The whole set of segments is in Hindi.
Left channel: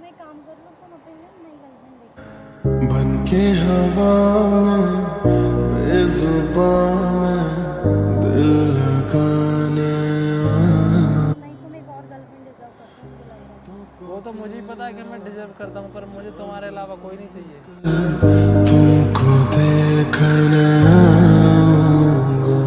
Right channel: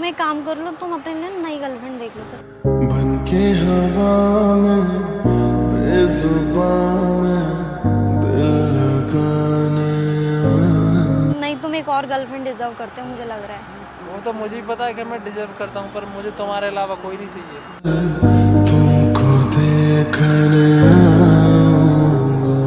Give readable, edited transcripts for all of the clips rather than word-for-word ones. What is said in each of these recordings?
तुम एक काम कर लो, तुम अपने लिए नई गर्लफ्रेंड देख लो सर। बन के हवा में बेजुबां में दिल लगाने नहीं, तुम एक और गर्लफ्रेंड डिजर्व करते हो, मुझे लग रहा है। वो तो मुझे ही पता है कि मैं डिजर्व करता हूँ, पर मुझे तुम्हारे अलावा कोई नहीं चाहिए। तुमको देखने आऊंगा,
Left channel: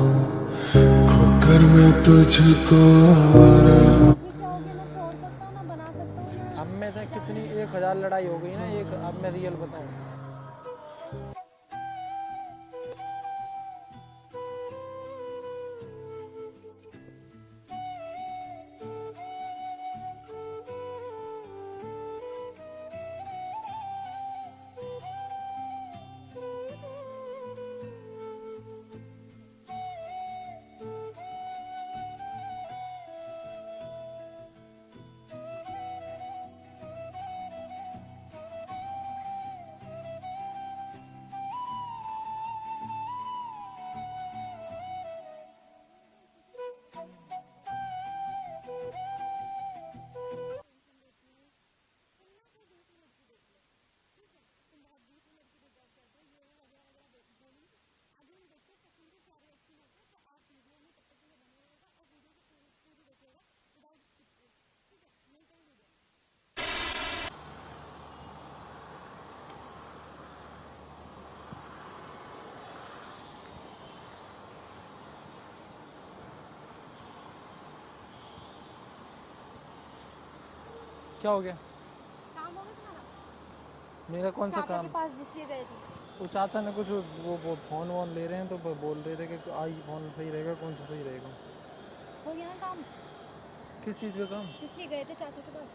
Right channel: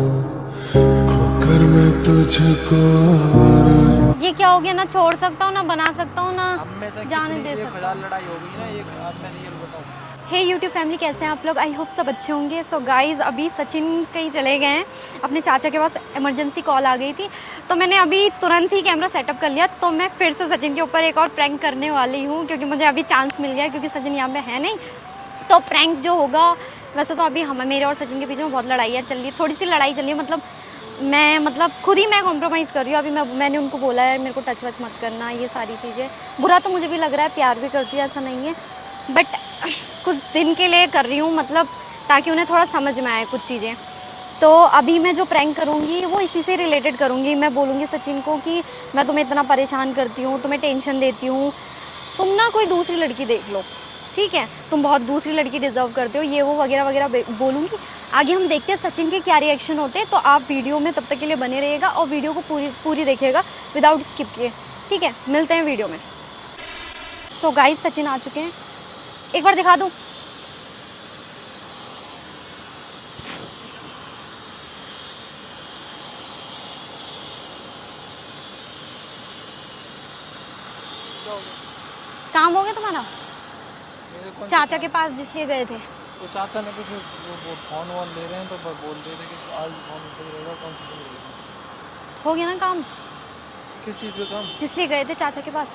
खोकर मैं तुझको आवारा हूँ। ये क्या हो गया, ना छोड़ सकता हूँ ना बना सकता हूँ ना अब में से जाने कितनी दे ये सकता हजार हूँ। लड़ाई हो गई ना, ये अब मैं रियल बताऊँ। हे यूट्यूब फैमिली, कैसे हैं आप लोग? आई होप सब अच्छे होंगे। सो गाइज, अभी सचिन कहीं चले गए हैं, अपने चाचा के पास इमरजेंसी कॉल आ गई थी, तो मैंने अभी तुरंत ही कैमरा सेटअप कर लिया। तो मैं फिर से सचिन के ऊपर एक और प्रैंक करने वाली हूँ, क्योंकि मुझे अभी चांस मिल गया, क्योंकि सचिन यहाँ पे है नहीं। तो प्रैंक जो होगा, वैसे तो अभी हम मेरे और सचिन के बीच में बहुत लड़ाई चल रही है, थोड़ी सी लड़ाई चल रही है, मतलब खुद ही मैं कॉम्प्रोमाइज़ कर रही हूँ। अभी मैंने उनको बोला है मेरे को टच वच मत करना, ये सारी चीज़ें। बुरा तो मुझे भी लग रहा है, प्यार भी करती है, ऐसा नहीं है, बट कुछ दिन के लिए कर रही हूँ, मतलब ताकि उन्हें थोड़ा समझ में आए कुछ चीज़ें। तो अभी मैं जो प्रैंक करूँगी वो इसी से रिलेटेड करूँगी। मैं बोलूँगी सचिन को कि मैं तुम्हें इतना परेशान करती हूँ, तुम्हें टेंशन देती हूँ, तुम ना कोई दूसरी लड़की देख लो, ठीक है? तुम बहुत दूसरी लड़की डिज़र्व करते हो, ये वो वगैरह वगैरह बोलूँगी। आगे हम देखते हैं सचिन के क्या रिएक्शन होते हैं। तो आप वीडियो में तब तक के लिए बने रहिएगा और वीडियो को पूरी देखिएगा विदाउट स्किप किए, ठीक है? मिलते हैं वीडियो में। सो गाइस, सचिन आ चुके हैं, एक बार दिखा दूँ। क्या हो गया? काम हो गया तुम्हारा? मेरा कौन सा चाचा काम? के पास जिसलिए गए थे। वो चाचा ने कुछ वो फोन वोन ले रहे हैं, तो बोल रहे थे कि आज फोन लेना, कौन सा फोन लेगा। हो गया ना काम किस चीज़ का काम? जिसलिए गए थे चाचा के पास?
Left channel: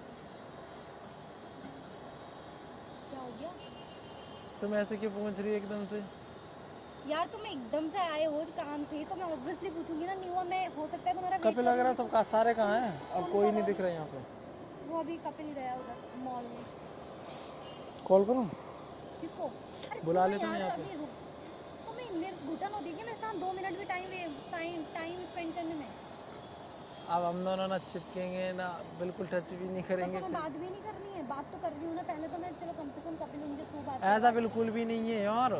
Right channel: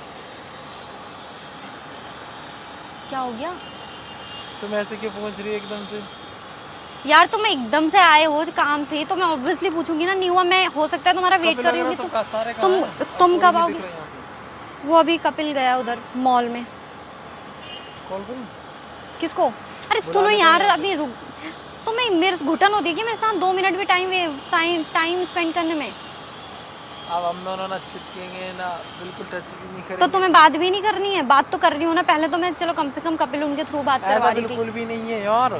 क्या हो गया तुम ऐसे क्यों पूछ रही है एकदम से? यार? तुम एकदम से आए हो काम से, तो मैं ऑब्वियसली पूछूंगी ना। नहीं हुआ, मैं हो सकता है तुम्हारा वेट कर रही हूँ। तुम कब आओगे? वो अभी कपिल गया उधर मॉल में। कॉल करूँ? किसको? अरे सुनो यार, अभी रुक। तुम्हें मेरे घुटन होती है कि मेरे साथ 2 मिनट भी टाइम स्पेंड करने में? अब हम दोनों ना चिपकेंगे ना, बिल्कुल टच भी नहीं करेंगे। तो तुम्हें बात भी नहीं करनी है? बात तो कर रही हूँ ना पहले, तो मैं चलो कम से कम कपिल उनके थ्रू बात करवा रही थी। बिल्कुल भी नहीं है यार,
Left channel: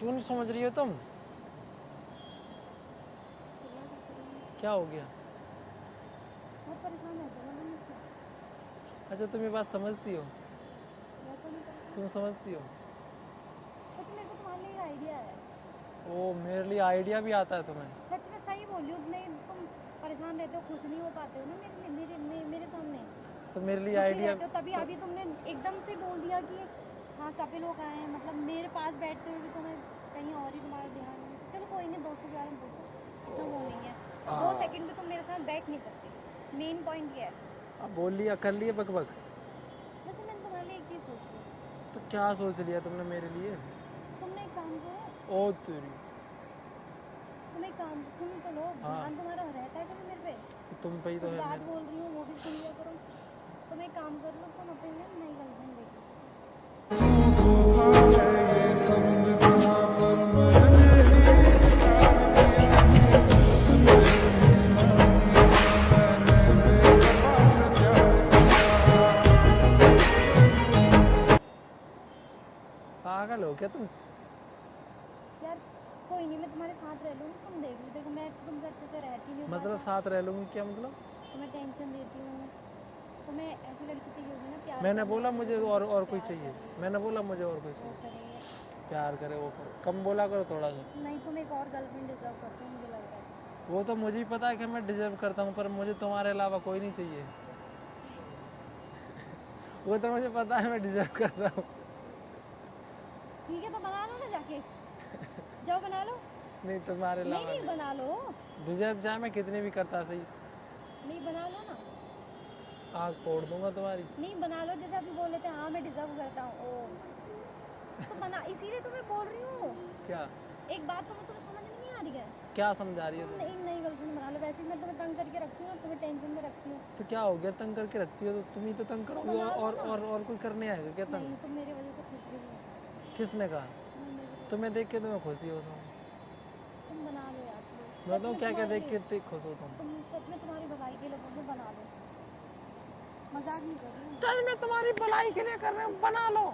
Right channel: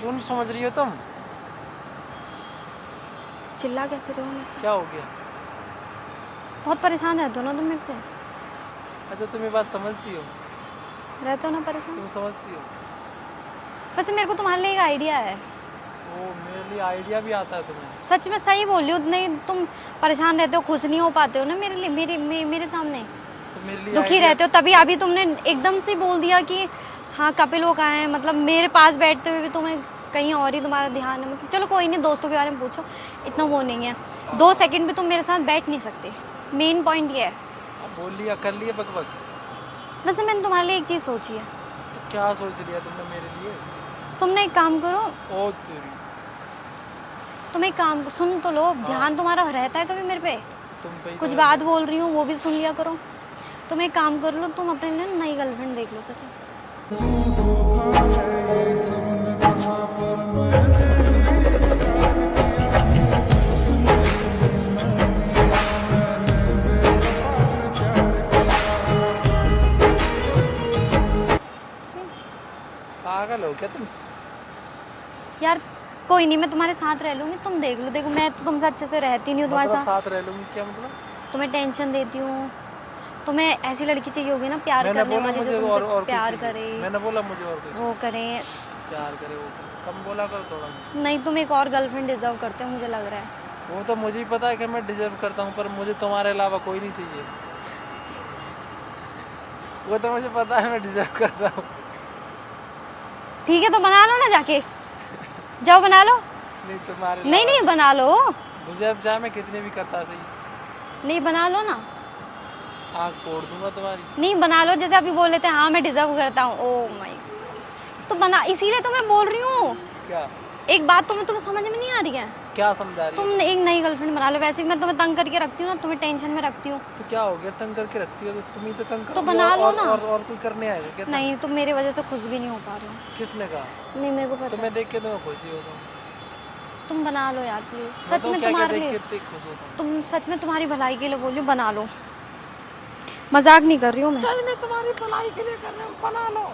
क्यों नहीं समझ रही हो तुम? चिल्ला कैसे रहे हो? क्या हो गया? बहुत परेशान रहते हो ना तुम मेरे से? अच्छा, तुम ये बात समझती हो? रहते हो ना परेशान? तुम समझती हो? वैसे मेरे को तुम्हारे लिए एक आइडिया है। वो मेरे लिए आइडिया भी आता है तुम्हें? सच में सही बोल रही हो। नहीं, तुम परेशान रहते हो, खुश नहीं हो पाते हो ना मेरे लिए, मेरे सामने तो मेरे लिए दुखी रहते हो। तभी अभी तुमने एकदम से बोल दिया कि हाँ कपिल वो कहाँ है, मतलब मेरे पास बैठते हुए भी तुम्हें कहीं और ही तुम्हारा ध्यान है। मतलब चलो कोई नहीं, दोस्तों के बारे में पूछो, इतना वो नहीं है। 2 सेकंड भी तुम मेरे साथ बैठ नहीं सकते, मेन पॉइंट ये है। अब बोल लिया, कर लिया बकबक। वैसे मैंने तुम्हारे लिए एक चीज़ सोची है। क्या सोच लिया तुमने मेरे लिए? तुमने एक काम करो, ओ तेरी, तुम एक काम सुन तो लो, ध्यान तुम्हारा रहता है कभी मेरे पे? तुम पे ही कुछ तो बात बोल रही हूँ वो भी सुन लिया करो। तुम एक काम कर लो, तुम अपने लिए नई गर्लफ्रेंड देख लो सचिन। तू धोखा है ये सबने कहा, पर मैंने ही इनकार किया। मुझे मिलना ही था, मैंने बेवफा से प्यार किया। पागल हो क्या तुम? यार कोई नहीं, मैं तुम्हारे साथ रह लूँगी, तुम देख लो। देखो मैं तो तुमसे अच्छे से रहती नहीं हूँ तुम्हारे मतलब साथ। साथ रह लूंगी क्या मतलब? तुम्हें टेंशन देती हूँ। तुम्हें ऐसी लड़की चाहिए होगी ना, प्यार मैंने करने बोला वाली, मुझे जो और तुमसे कुछ प्यार चाहिए। करे, मैंने बोला मुझे और कुछ वो करे। प्यार करे, वो कम बोला करो थोड़ा सा। नहीं, तुम एक और गर्लफ्रेंड डिजर्व करते हो, मुझे लग रहा है। वो तो मुझे ही पता है कि मैं डिजर्व करता हूँ, पर मुझे तुम्हारे अलावा कोई नहीं चाहिए। वो तो मुझे पता है मैं डिजर्व करता हूँ। ठीक है, तो बना लो ना जाके, जाओ बना लो। नहीं तुम्हारे नहीं नहीं, बना लो। डिजर्व चाहे मैं कितने भी करता सही, नहीं, बना लो ना। आँख फोड़ दूंगा तुम्हारी। नहीं, बना लो, जैसे अभी बोल लेते हैं हाँ मैं डिजर्व करता हूँ। ओ माय, तो बना, इसीलिए तो मैं बोल रही हूँ। क्या? एक बात तुम्हें समझ में नहीं आ रही है? क्या समझा रही है? तुम एक नई गर्लफ्रेंड बना लो। वैसे भी मैं तुम्हें तंग करके रखती हूँ ना, तुम्हें टेंशन में रखती हूँ। तो क्या हो गया, तंग करके रखती हो तो तुम ही तो तंग तो करोगी। बना लो ना। और कोई करने आएगा क्या? नहीं, तुम मेरी वजह से खुश भी नहीं हो पा रहे हो। किसने कहा? नहीं, मेरे को पता तुम्हें है। देख के तो मैं खुशी होता हूँ। तुम बना लो यार प्लीज, मैं सच तो में क्या क्या तुम्हारे देख लिए, के इतनी खुश होता हूँ। तुम सच में तुम्हारी भलाई के लिए बोल रही हूँ, बना लो। मजाक नहीं कर रही हूँ मैं। मैं तुम्हारी भलाई के लिए कर रहा हूँ, बना लो,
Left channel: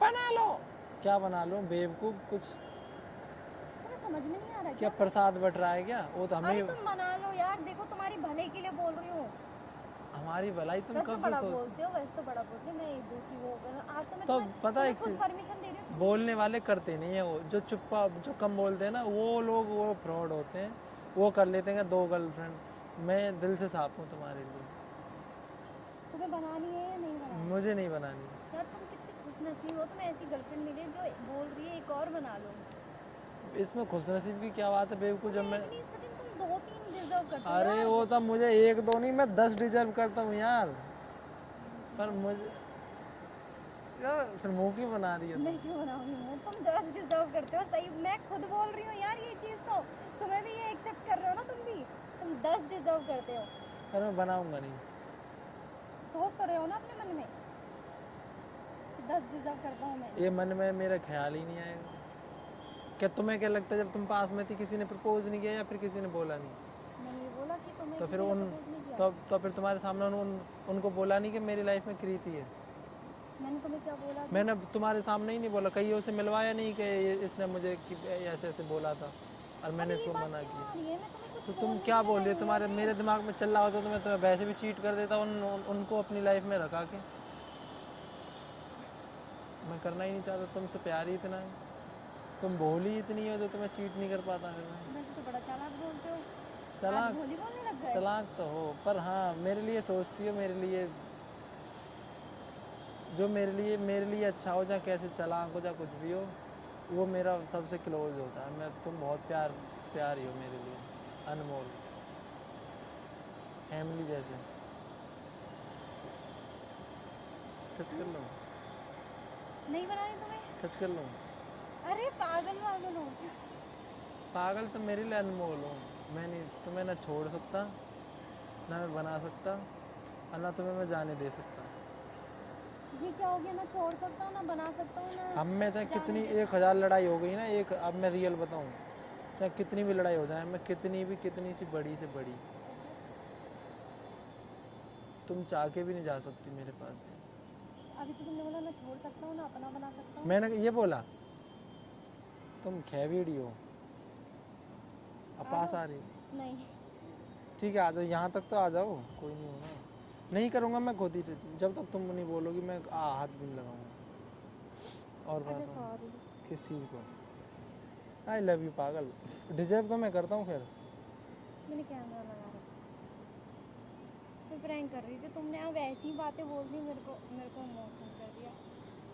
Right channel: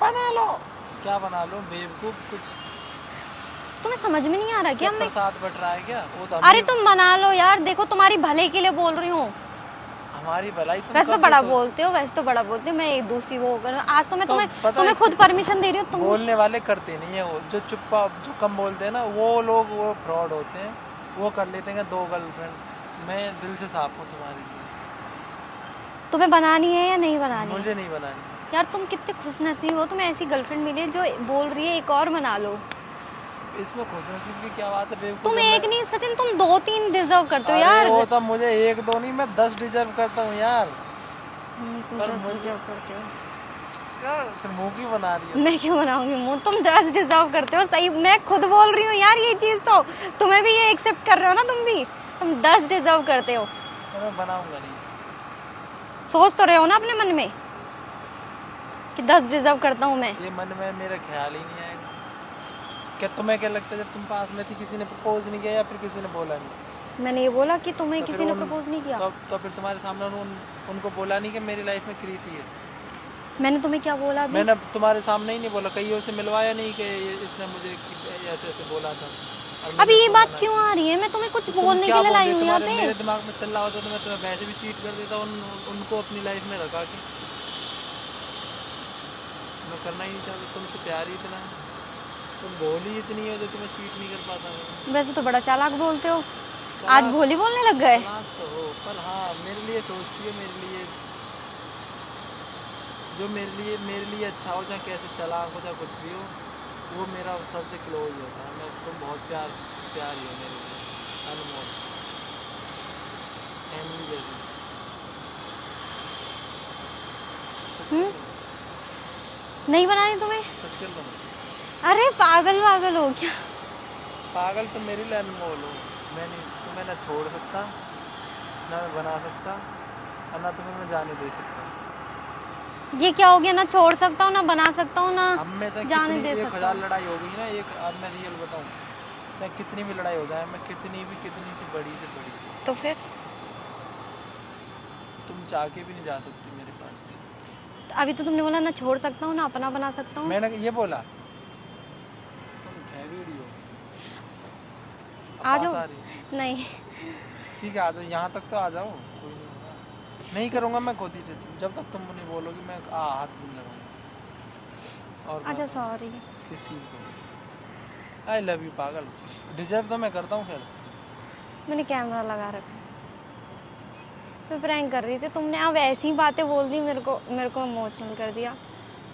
बना लो। क्या बना लो बेवकूफ? कुछ तुम्हें समझ में नहीं आ रहा क्या मैं? प्रसाद बट रहा है क्या? वो तो अरे तुम बना लो यार, देखो तुम्हारी भले के लिए बोल रही हूँ। हमारी भलाई तुम वैसे तो कब से बड़ा बोलते हो, वैसे तो बड़ा बोलते हो, मैं एक दूसरी वो कर आज तो मैं तो तुम्हें पता तुम्हें है खुद परमिशन दे रही हूँ तुम। बोलने वाले करते नहीं है, वो जो चुप्पा जो कम बोलते हैं ना वो लोग वो फ्रॉड होते हैं, वो कर लेते हैं 2 गर्लफ्रेंड। मैं दिल से साफ हूँ तुम्हारे लिए, तुम्हें बनानी है या नहीं बनानी है? मुझे नहीं बनानी है। यार तुम कितने खुशनसीब हो, तुम्हें ऐसी गर्लफ्रेंड मिली है जो बोल रही है एक और बना लो। इसमें खुशनसीब की क्या बात है बेवकूफ? तुम जब एक नहीं सचिन, तुम 2-3 डिजर्व करते हो अरे यार। वो तो मुझे 1-2 नहीं, मैं 10 डिजर्व करता हूँ यार। तुम पर 10 मुझे- डिजर्व करते हो। फिर मुंह क्यों बना रही हो? मैं क्यों बनाऊंगी मुंह? तुम 10 डिजर्व करते हो, सही मैं खुद बोल रही हूँ यार ये चीज तो। तुम्हें भी ये एक्सेप्ट कर रहे हो ना तुम भी? तुम 10 डिजर्व करते हो। मैं बनाऊंगा नहीं। सोच तो रहे हो ना अपने मन में कि 10 डिजर्व करता हूँ मैं। ये मन में मेरा ख्याल ही नहीं आएगा। क्या तुम्हें क्या लगता है जब तुम पास में थी किसी ने प्रपोज नहीं किया या फिर किसी ने बोला नहीं? मैंने ये बोला कि तुम्हें तो किसी फिर ने उन- प्रपोज नहीं किया। तो फिर तुम्हारे सामने उनको बोला नहीं कि मेरी लाइफ में कृति है? मैंने तुम्हें क्या बोला अभी? मैंने तुम्हारे सामने ही नहीं बोला, कईयों से मिलवाया नहीं कि इसने मुझे ऐसे ऐसे बोला था। और अभी मुझे ये सोना बात नहीं। क्यों आ रही है? मैं तुम्हें कुछ तो तुम बोलने क्या के लिए बोल लाई रही? हूँ यहाँ तुम्हारे पे। मेरे दिमाग में चल रहा होता तो मैं तुम्हें वैसे भी चीट कर देता उनको अपनी लाइफ में रखा कि मैं करना ही नहीं चाहता तुमसे प्यार ही इतना है। तुम भोली इतनी हो जो तुम्हें चीट नहीं कर पाता मैं। वैसे तो बड़ा चालाक बोलते हो, आज चालाक- भोली बोलने लग गए। चालाक तो हो, पर हाँ मेरे लिए सोचती हो, मेरे लिए जो मेरे लिए अच्छा हो, चाहे कैसे चालाक हो, चाहे कुछ भी हो, वो मेरा सबसे क्लोज होता है। मैं तुम बहुत प्यारी हो मेरे लिए, अनमोल, फैमिली जैसी। कुछ कर लो, नहीं बनानी तुम्हें? कुछ कर लो। अरे पागल पागल हो क्या? पागल तो मेरे लिए अनमोल हो। तुम्हें ना छोड़ सकता, ना मैं बना सकता, और ना तुम्हें मैं जाने दे सकता। ये क्या हो गया? ना छोड़ सकता हूँ, ना बना सकता हूँ, ना अब मैं चाहे जाने कितनी दे एक सकता हजार हूँ। लड़ाई हो गई ना, एक अब मैं रियल बताऊँ, चाहे कितनी भी लड़ाई हो जाए, मैं कितनी सी बड़ी तो फिर तुम चाह के भी नहीं जा सकती मेरे पास से। अभी तो तुमने बोला ना छोड़ सकता हूँ, ना अपना बना सकता हूँ। मैंने ये बोला? तुम खैरूरी हो। आ पास जाओ। आ रही हो? नहीं ठीक है आ जाओ, यहाँ तक तो आ जाओ। नहीं करूँगा मैं खुद ही, जब तक तुम नहीं बोलोगे मैं हाथ नहीं लगाऊंगा। और अच्छा बताओ, सॉरी। किस चीज़ को? आई लव यू पागल, डिजर्व तो मैं करता हूँ। फिर मैंने कैमरा लगा रखा है, मैं प्रैंक कर रही थी। तुमने अब ऐसी ही बातें बोल दी, मेरे को इमोशनल कर दिया।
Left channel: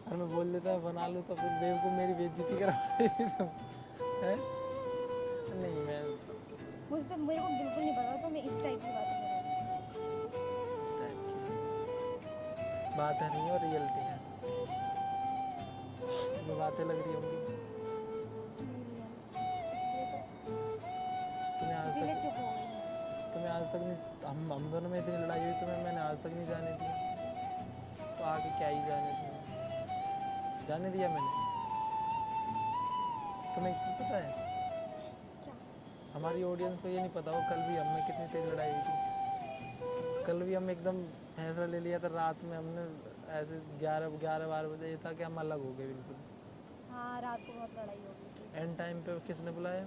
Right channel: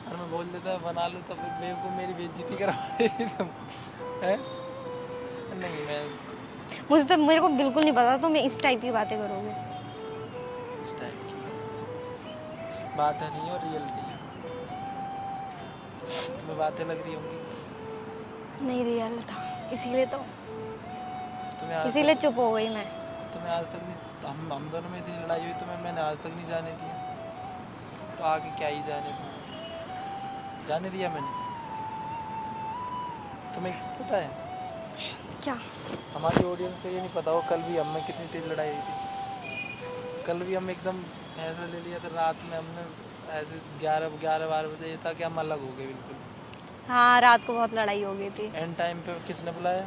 और मैं बोल देता बना लूँ तो फिर बेवकूफ़ मेरी बेइज्जती करवा रही तुम हैं? नहीं मैं मुझे तो मेरे को बिल्कुल नहीं पता तुम इस टाइप की बातें करोगे। इस टाइप की बात है नहीं और रियलिटी है। तुम्हें बातें लग रही होंगी, नहीं रियल था, इसीलिए तो तुम्हें आज इसीलिए चुप हो गई मैं। तुम्हें आज तक नहीं, हम दोनों में इतनी लड़ाई हुई तुम्हें मैंने आज तक नहीं जाने दिया, तो आगे क्या ही जाने दिया मैंने। तुम्हें एक चीज़ पता है, क्या? हमारी ऑडियंस को ये नहीं पता हो कल भी हम में कितनी तेज लड़ाई हुई थी। कल भी हम एकदम फैसला ले लिया था, रात में हमने ऐसे 11-12 बजे ये था कि हम अलग हो गए बिल्कुल। हाँ रात को बहुत लड़ाई हो गई थी। एंड टाइम पे किसने बुलाया?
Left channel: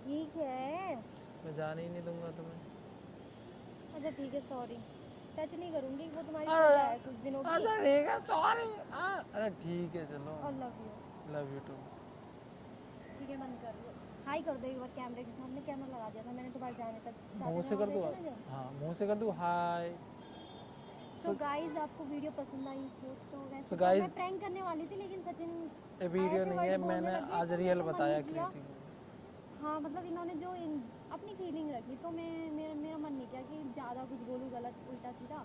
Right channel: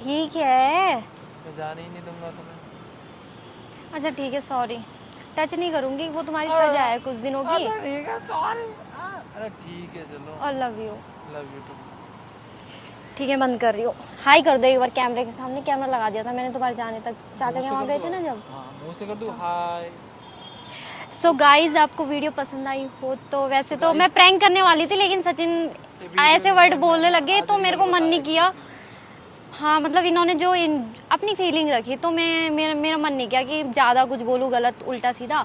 ठीक है, मैं जाने ही नहीं दूंगा तुम्हें। अच्छा ठीक है सॉरी, टच नहीं करूंगी, वो तुम्हारी सजा है कुछ दिनों की। ठीक है सॉरी। अरे ठीक है चलो, और love you. Love you too. ठीक है बंद कर रही हूँ। हाय कर दो एक बार कैमरे के सामने, कैमरा लगा दिया था मैंने तुम्हारे जाने तक, चाचा के वहाँ गए थे ना जब। हाँ मुंह से कर दूँ हाय। सो गाइज आपको वीडियो पसंद आई हो तो वैसे तो मैं प्रैंक करने वाली थी, लेकिन सचिन ऐसे वर्ड बोलने लगे तो मेरे को मन नहीं किया। हाँ मतलब इन्होंने जो अपनी फीलिंग रखी तो मेरा मन नहीं किया कि ज़्यादा कुछ बोलूँ गलत उल्टा सीधा,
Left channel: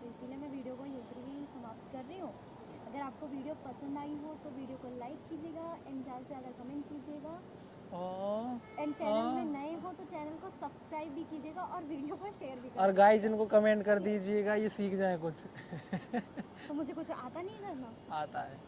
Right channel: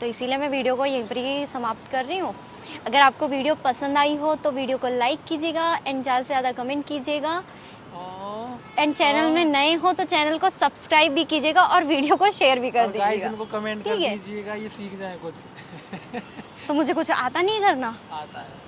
तो इसीलिए मैं वीडियो को यहीं पर ही समाप्त कर रही हूँ। अगर आपको वीडियो पसंद आई हो तो वीडियो को लाइक कीजिएगा एंड ज़्यादा से ज़्यादा कमेंट कीजिएगा, एंड चैनल में नए हो तो चैनल को सब्सक्राइब भी कीजिएगा और वीडियो को शेयर भी कर गाइस दीजिएगा। इनको कमेंट कर ठीक है? दीजिएगा, ये सीख जाए कुछ। तो मुझे कुछ आता नहीं करना। आता है।